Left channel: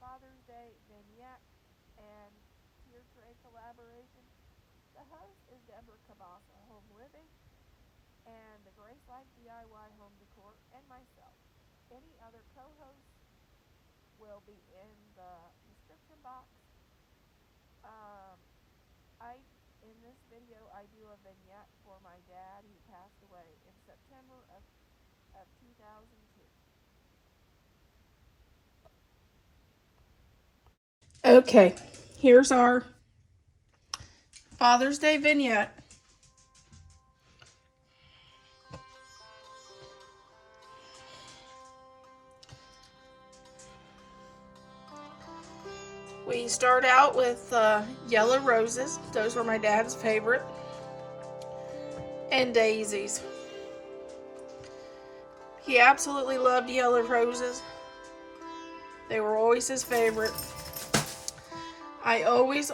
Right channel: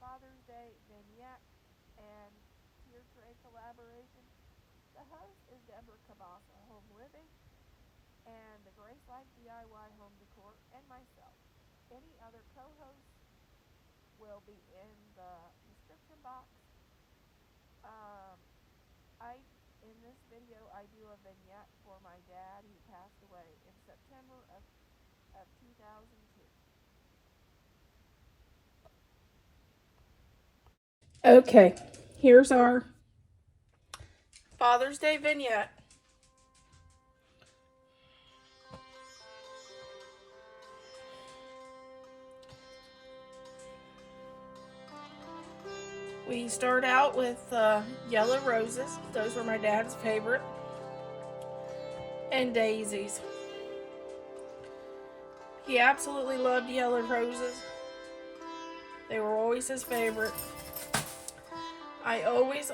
Father's Day Vignette and Tier Tray collaboration. The host is Deborah Cabasa Home Living and the Grace Life DIY Home Decor and myself. Any other co-hosts will be in the description box. Um, I in this video I do a vignette for my dad who passed away in September of 2002. Okay, here's our Father's Day vignette. We start out with yellow roses. Those were my dad's favorite. And daisies. He absolutely loved yellow roses. They were always his favorite. I always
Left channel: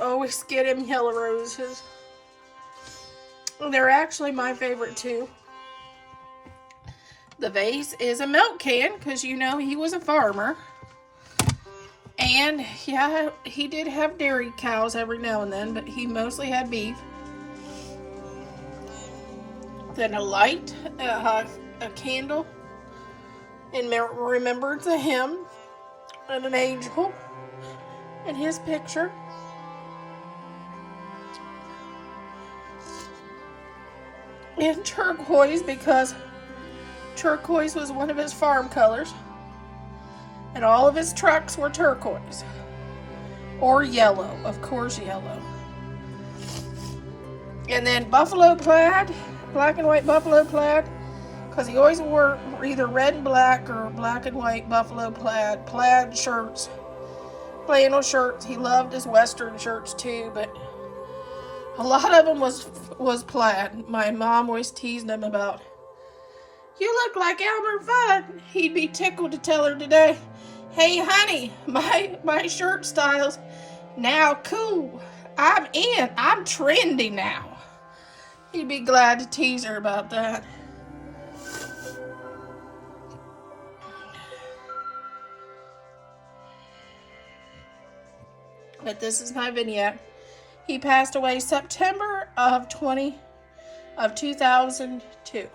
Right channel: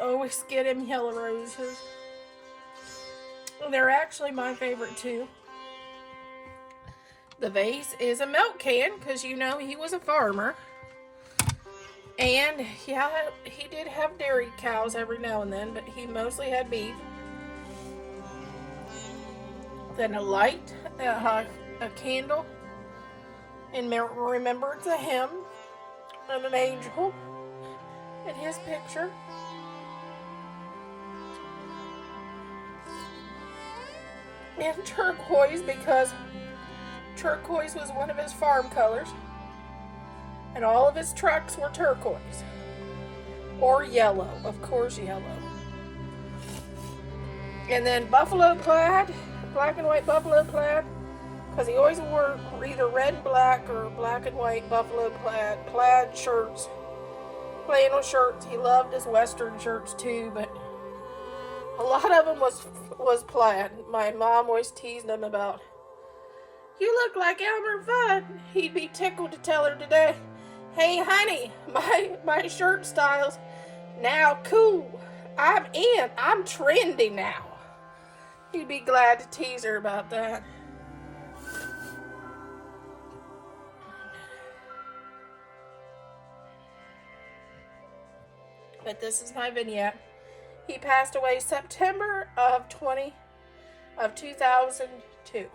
get him yellow roses. They're actually my favorite too. The vase is a milk can because you know he was a farmer. And yeah, he did have dairy cows every now and then, but he mostly had beef. Then a light, a candle in remembrance of him, and an angel, and his picture. And turquoise, because turquoise was one of his farm colors. And all of his trucks were turquoise. Or yellow, of course yellow. And then buffalo plaid, black and white buffalo plaid, because he always wore either red and black or black and white buffalo plaid shirts, flannel shirts. He loved his western shirts too, but a lot of them was plaid. My mom always teased him about, "You look like Elmer Fudd." He'd be tickled to tell her today, "Hey honey, my shirt style's now cool. I'm in. I'm trendy now." He'd be glad to tease her about that. But this is my vignette. He passed away September of 2002.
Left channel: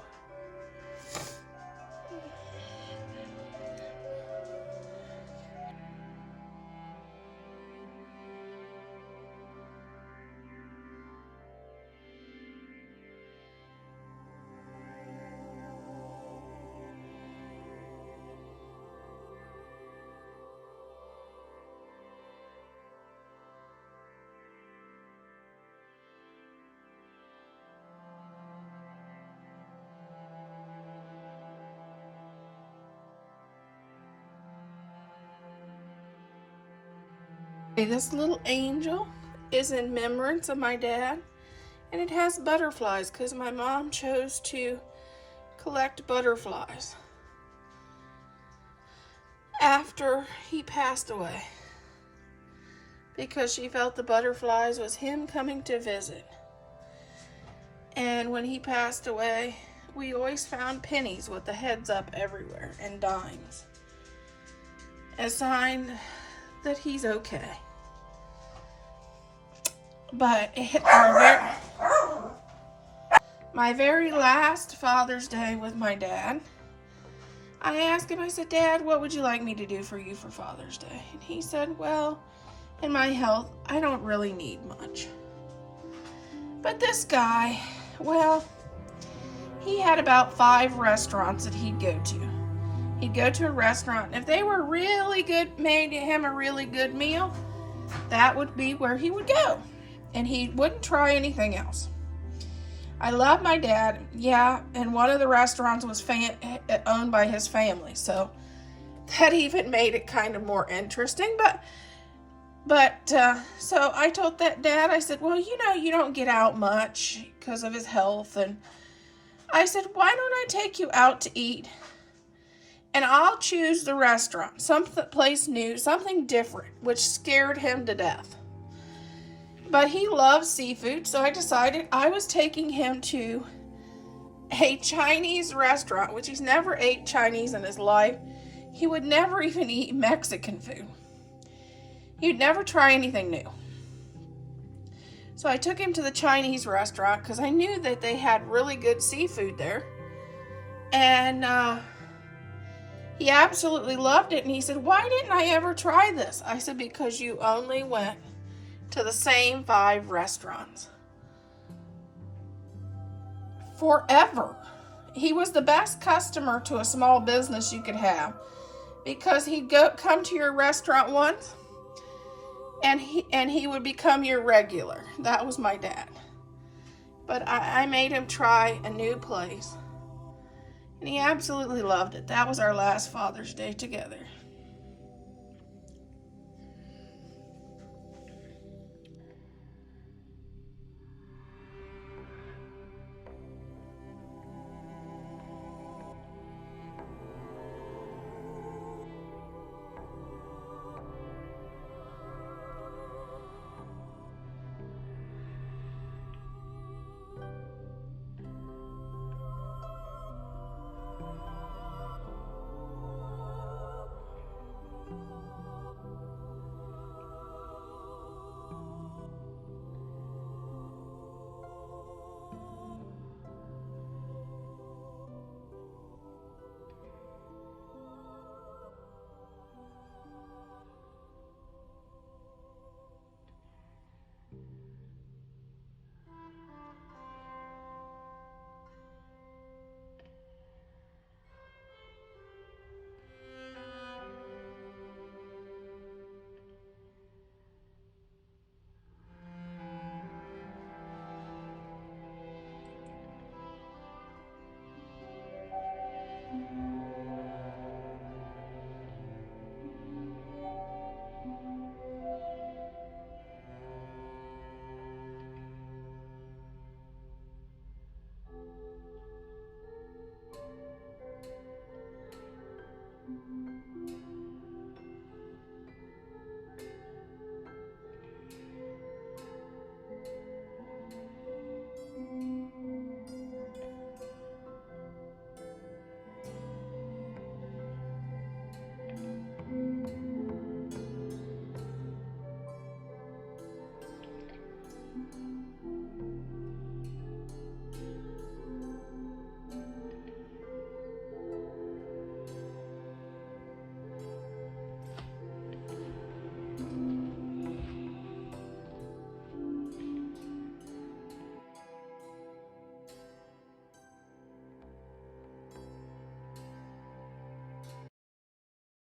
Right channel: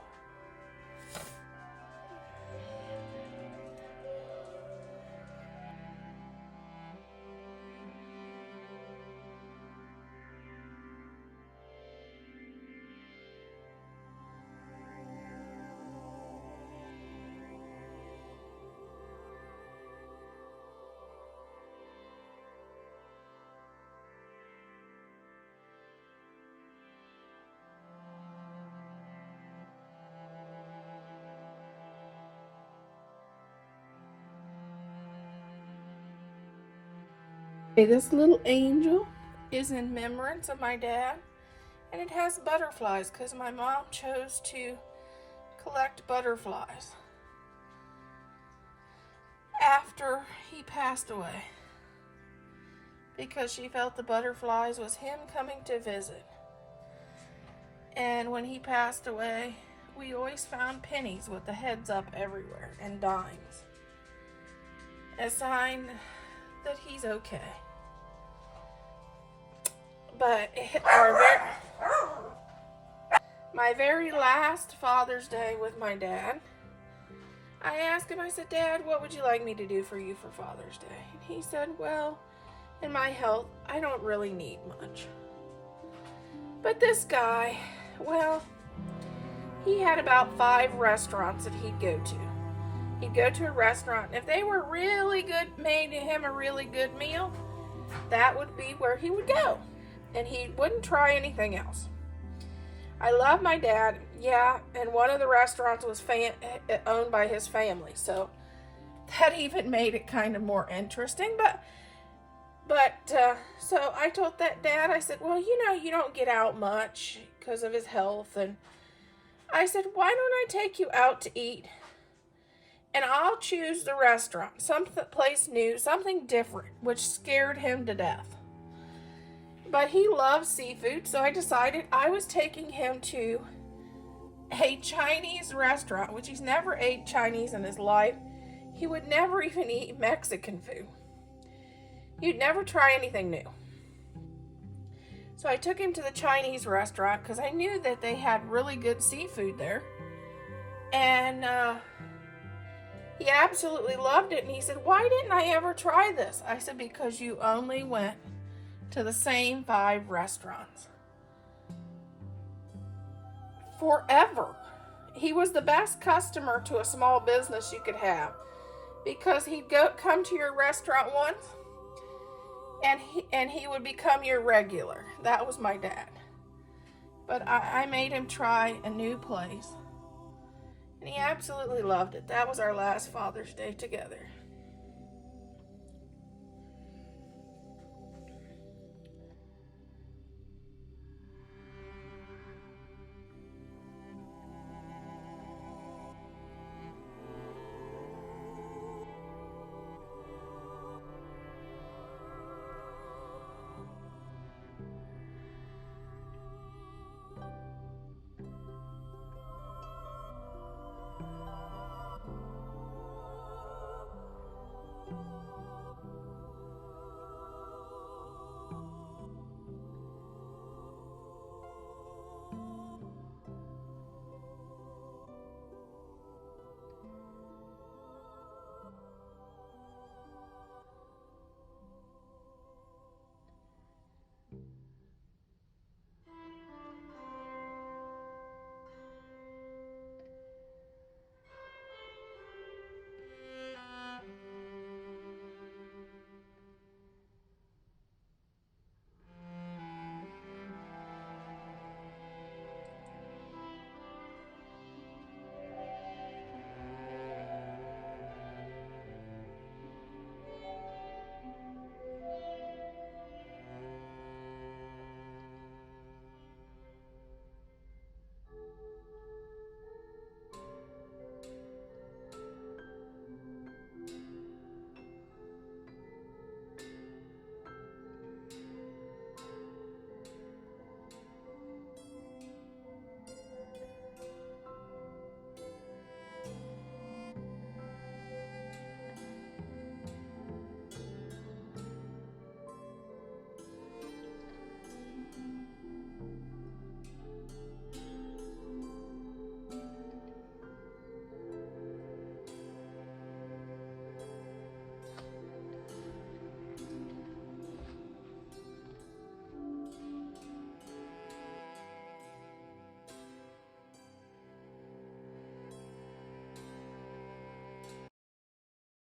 This little angel is in remembrance of my dad, and it has butterflies because my mom chose to collect butterflies after he passed away because she felt the butterflies was him coming to visit. And when he passed away, we always found pennies with the heads up everywhere and dimes, a sign that he's okay. But my very last Father's Day with my dad, I asked him, I said, "Dad, what would you like me to do for you for Father's Day?" And he said, "Well, in my health, I don't really need much." But this guy, well, he had about 5 restaurants that he'd go to. He'd go to a restaurant, and if they were really good, made him a really good meal, that would be where he would go. And he wouldn't try anything else. I love my dad, yeah, and one of the restaurants was owned by his family, so that even made it kind of more interesting. But so I told that dad, I said, "Well, you know, you don't get out much because of his health," and I said, "Why don't I take you out to eat? And I'll choose the restaurant, some place new, something different," which scared him to death. But he loves seafood, so I decided I was taking him to a Chinese restaurant, which he's never ate Chinese in his life. He would never even eat Mexican food. He'd never try anything new. So I took him to the Chinese restaurant because I knew that they had really good seafood there. And he absolutely loved it. And he said, why didn't I ever try this? I said, because you only went to the same 5 restaurants. Forever. He was the best customer to a small business you could have, because he'd come to your restaurant once and he would become your regular. That was my dad. But I made him try a new place, and he absolutely loved it. That was our last Father's Day together.